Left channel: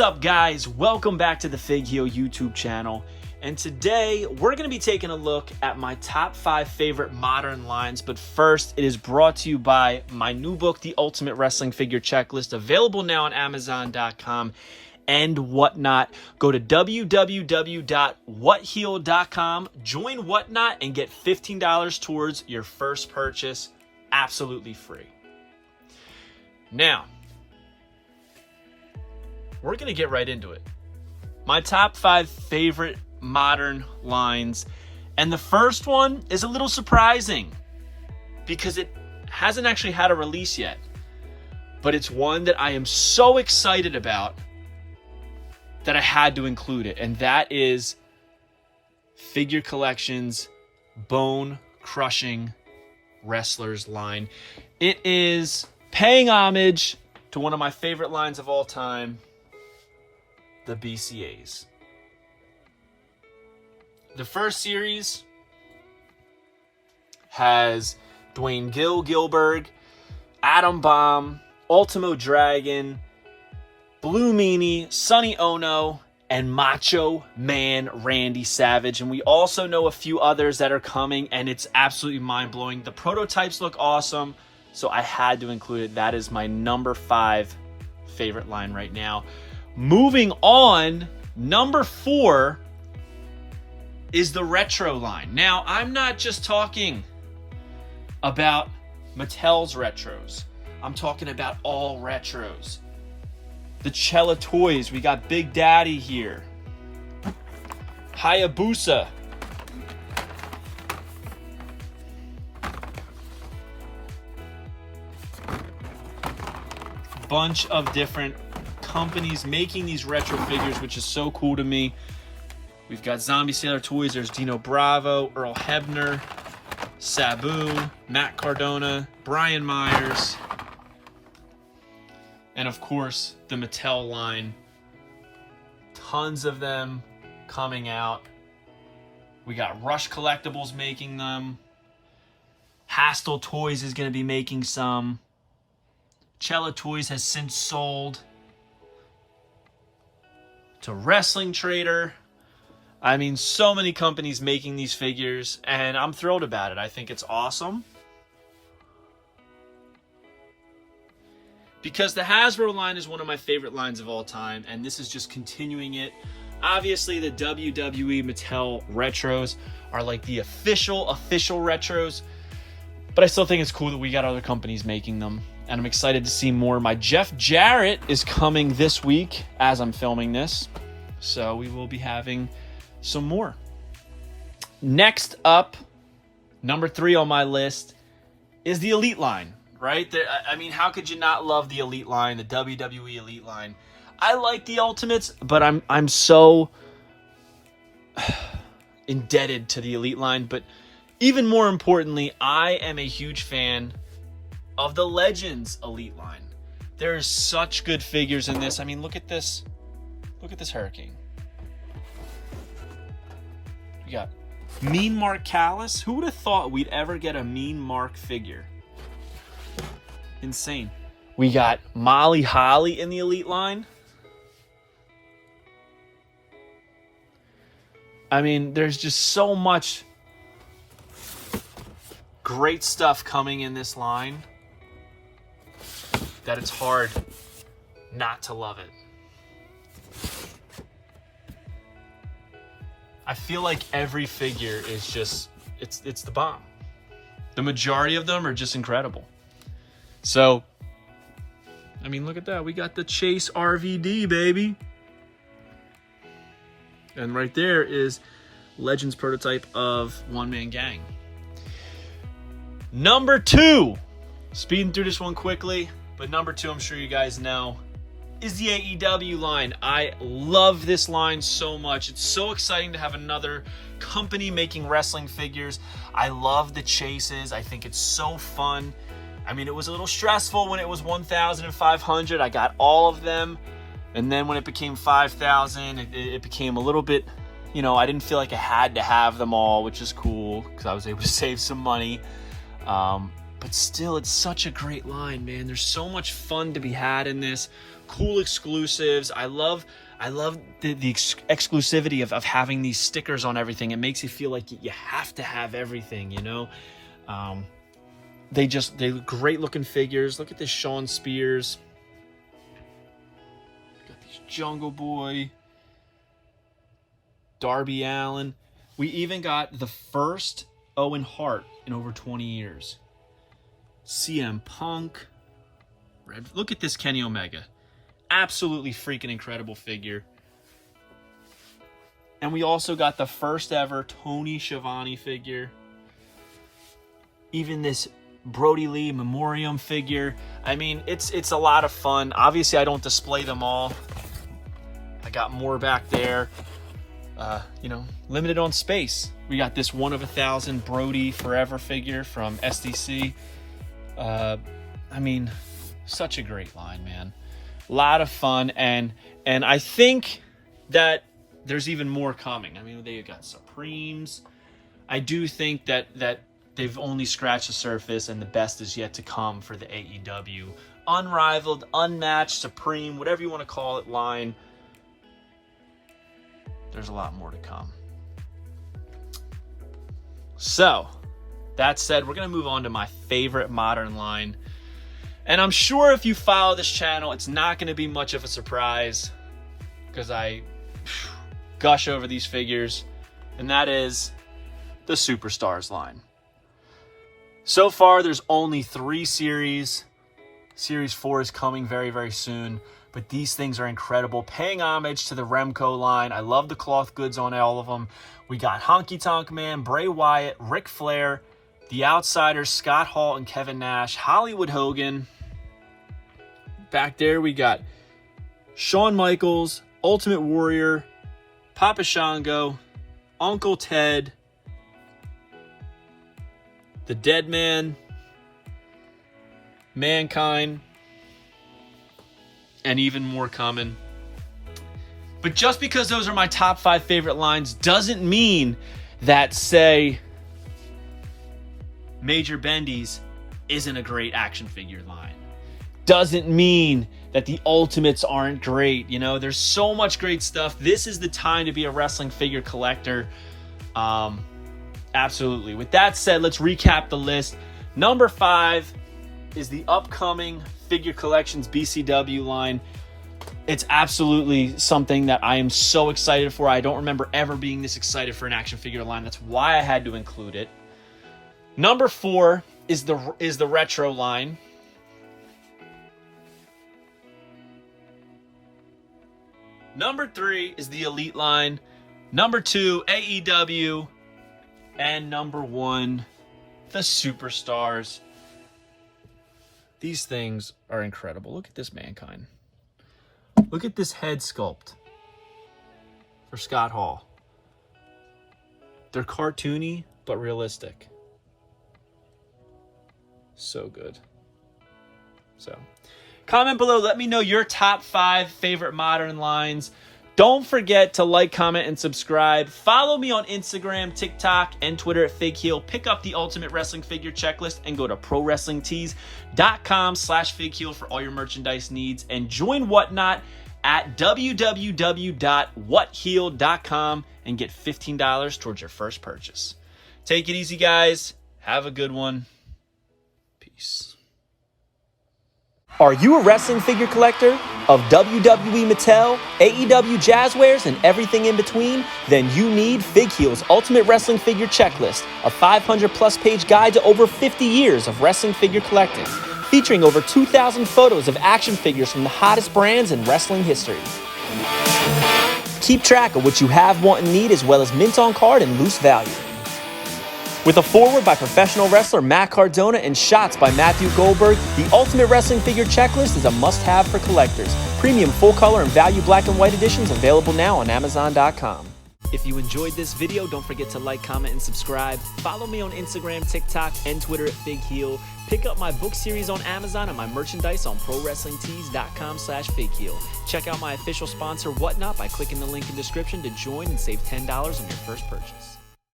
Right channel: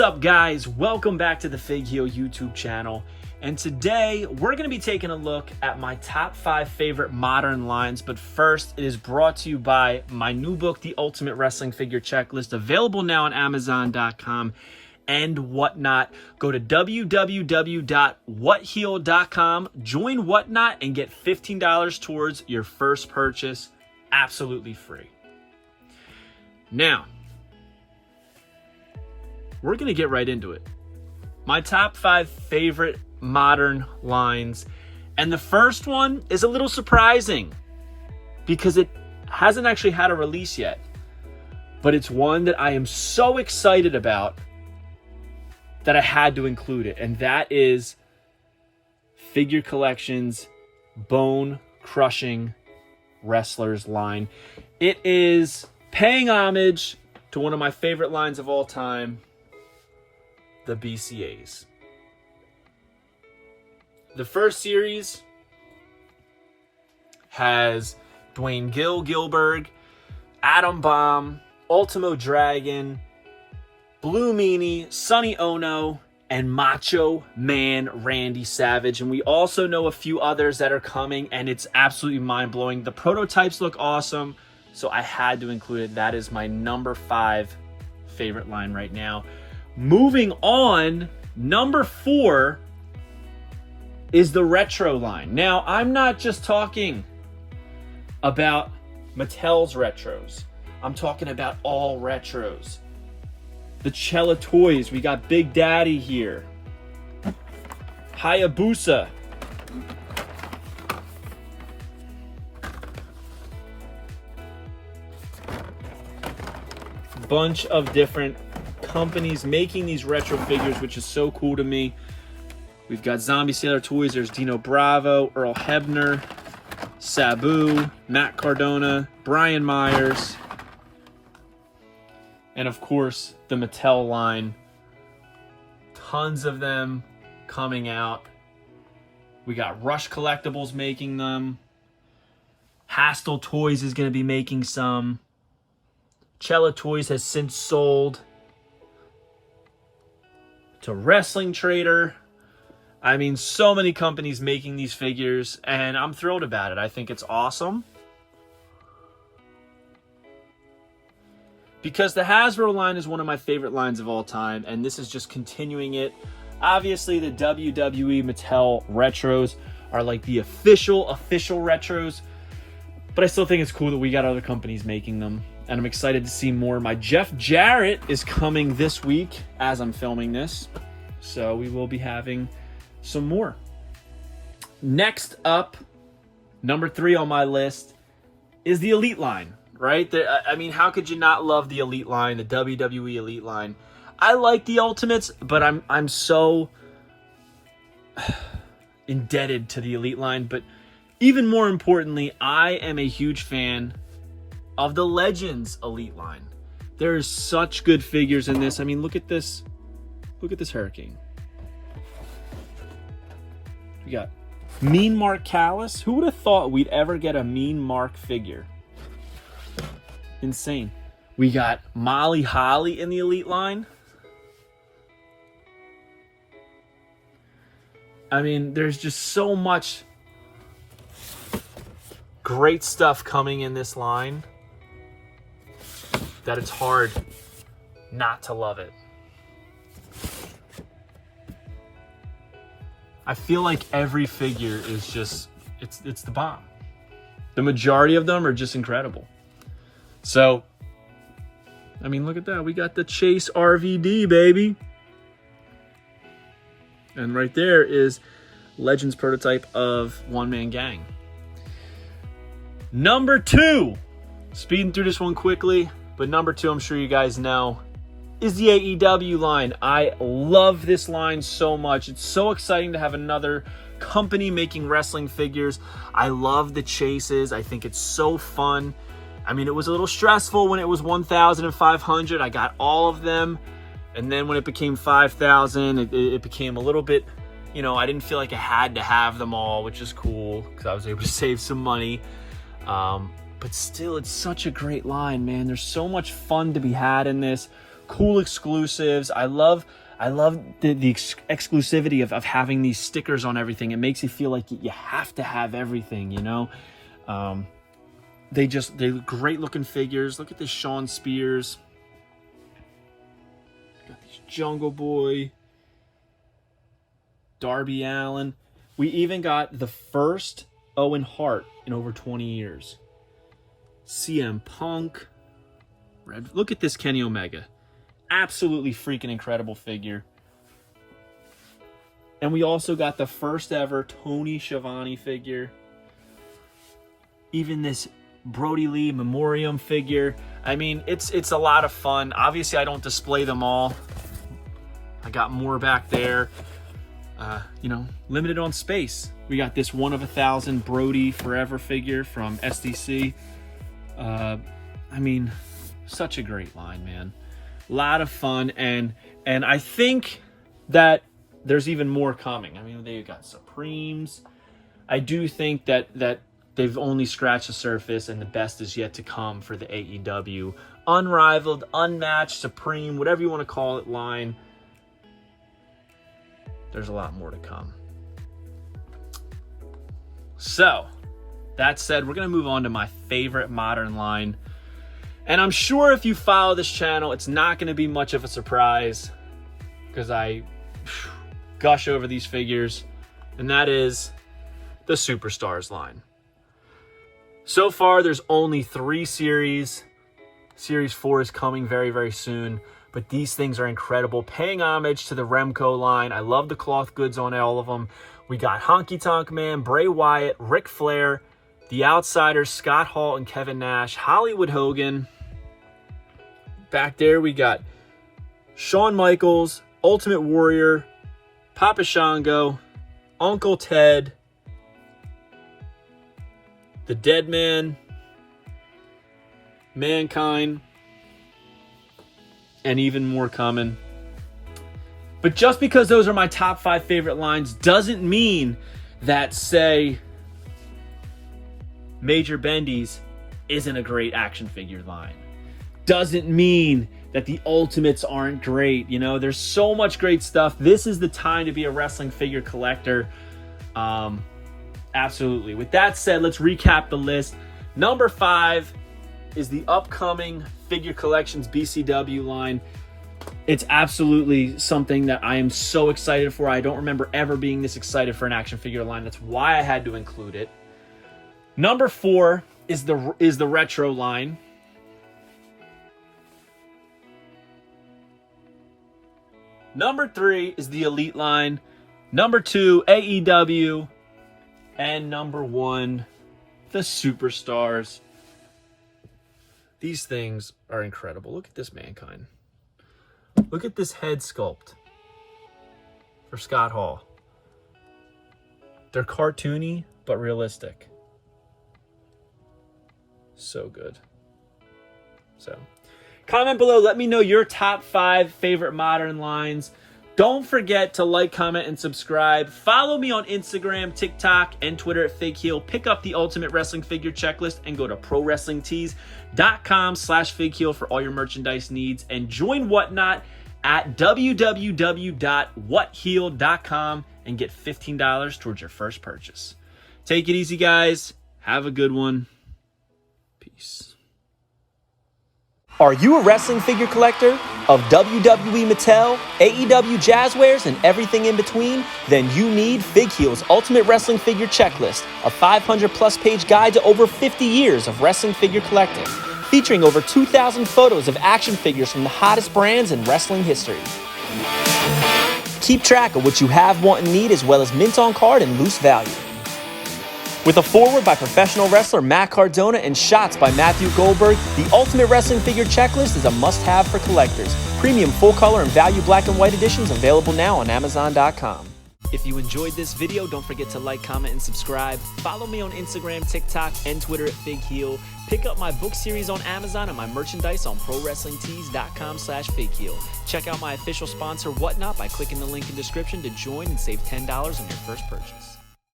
What's up, guys? Welcome back to the Fig Heel YouTube channel. And today we're going to be taking a look at my top 5 favorite modern lines. But first, it is brought to you by my new book, The Ultimate Wrestling Figure Checklist, available now on Amazon.com and whatnot. Go to www.whatheel.com, join Whatnot, and get $15 towards your first purchase, absolutely free. Now, we're going to get right into it. My top 5 favorite modern lines. And the first one is a little surprising because it hasn't actually had a release yet. But it's one that I am so excited about that I had to include it. And that is Figure Collection's Bone Crushing Wrestlers line. It is paying homage to one of my favorite lines of all time, the BCAs. The first series has Dwayne Gilberg, Adam Bomb, Ultimo Dragon, Blue Meanie, Sonny Ono, and Macho Man Randy Savage. And we also know a few others that are coming, and it's absolutely mind-blowing. The prototypes look awesome, so I had to include it. That is my number 5 favorite line right now. Moving on, number 4 is the retro line. Now, I'm not just talking about Mattel's retros. I'm talking about all retros. The Cella Toys, we got Big Daddy here. Hayabusa. Bunch of different companies making these retro figures, which is so cool to me. We've got Zombie Sailor Toys. There's Dino Bravo, Earl Hebner, Sabu, Matt Cardona, Brian Myers, and of course the Mattel line. Tons of them coming out. We got Rush Collectibles making them. Hastel Toys is going to be making some. Cella Toys has since sold to Wrestling Trader. I mean, so many companies making these figures, and I'm thrilled about it. I think it's awesome. Because the Hasbro line is one of my favorite lines of all time, and this is just continuing it. Obviously, the WWE Mattel retros are like the official retros, but I still think it's cool that we got other companies making them, and I'm excited to see more. My Jeff Jarrett is coming this week as I'm filming this, so we will be having some more. Next up, number 3 on my list is the Elite line, right? I mean, how could you not love the Elite line, the WWE Elite line? I like the Ultimates, but I'm so indebted to the Elite line. But even more importantly, I am a huge fan of the Legends Elite line. There is such good figures in this. I mean, look at this. Look at this Hurricane. We got Mean Mark Callis. Who would have thought we'd ever get a Mean Mark figure? Insane. We got Molly Holly in the Elite line. I mean, there's just so much great stuff coming in this line that it's hard not to love it. I feel like every figure is just, it's the bomb. The majority of them are just incredible. So, I mean, look at that. We got the Chase RVD, baby. And right there is Legends prototype of One Man Gang. Number 2, speeding through this one quickly, but number 2, I'm sure you guys know, is the AEW line. I love this line so much. It's so exciting to have another company making wrestling figures. I love the chases. I think it's so fun. I mean, it was a little stressful when it was 1,500. I got all of them. And then when it became 5,000, it became a little bit, you know, I didn't feel like I had to have them all, which is cool because I was able to save some money. But still, it's such a great line, man. There's so much fun to be had in this. cool exclusives. I love the exclusivity of having these stickers on everything. It makes you feel like you have to have everything, you know. They're great looking figures. Look at this Sean Spears. Got these Jungle Boy, Darby Allin. We even got the first Owen Hart in over 20 years. CM Punk. Look at this Kenny Omega. Absolutely freaking incredible figure. And we also got the first ever Tony Schiavone figure. Even this Brody Lee Memoriam figure. I mean, it's a lot of fun. Obviously, I don't display them all. I got more back there. You know, limited on space. We got this 1 of 1,000 Brody Forever figure from SDC. I mean, such a great line, man. A lot of fun, and I think that there's even more coming. I mean, they got Supremes. I do think that they've only scratched the surface, and the best is yet to come for the AEW unrivaled, unmatched, supreme, whatever you want to call it, line. There's a lot more to come. So, that said, we're going to move on to my favorite modern line. And I'm sure if you follow this channel, it's not going to be much of a surprise because I gush over these figures. And that is the Superstars line. So far, there's only 3 series. Series 4 is coming very, very soon. But these things are incredible. Paying homage to the Remco line. I love the cloth goods on all of them. We got Honky Tonk Man, Bray Wyatt, Ric Flair, The Outsiders, Scott Hall and Kevin Nash, Hollywood Hogan. Back there we got Shawn Michaels, Ultimate Warrior, Papa Shango, Uncle Ted, The Dead Man, Mankind, and even more coming. But just because those are my top 5 favorite lines doesn't mean that, say, Major Bendy's isn't a great action figure line. Doesn't mean that the Ultimates aren't great. You know, there's so much great stuff. This is the time to be a wrestling figure collector. Absolutely. With that said, let's recap the list. Number 5 is the upcoming Figure Collections BCW line. It's absolutely something that I am so excited for. I don't remember ever being this excited for an action figure line. That's why I had to include it. Number 4 is the retro line. Number 3 is the Elite line. Number 2, AEW. And number 1, the Superstars. These things are incredible. Look at this Mankind. Look at this head sculpt for Scott Hall. They're cartoony, but realistic. So good. So, comment below. Let me know your top 5 favorite modern lines. Don't forget to like, comment, and subscribe. Follow me on Instagram, TikTok, and Twitter at FigHeel. Pick up the Ultimate Wrestling Figure Checklist and go to ProWrestlingTees.com/FigHeel for all your merchandise needs. And join Whatnot at www.whatheel.com and get $15 towards your first purchase. Take it easy, guys. Have a good one. Peace. Are you a wrestling figure collector of WWE Mattel, AEW Jazzwares, and everything in between? Then you need FigHeel's Ultimate Wrestling Figure Checklist, a 500-plus page guide to over 50 years of wrestling figure collecting, featuring over 2,000 photos of action figures from the hottest brands in wrestling history. Keep track of what you have, want, and need, as well as mint on card and loose value. With a foreword by professional wrestler Matt Cardona and shots by Matthew Goldberg, the Ultimate Wrestling Figure Checklist is a must-have for collectors. Premium full-color and value black and white editions available now on Amazon.com. If you enjoyed this video, don't forget to like, comment, and subscribe. Follow me on Instagram, TikTok, and Twitter at FigHeel. Pick up my book series on Amazon and my merchandise on ProWrestlingTees.com/FigHeel. Check out my official sponsor, Whatnot, by clicking the link in the description to join and save $10 on your first purchase.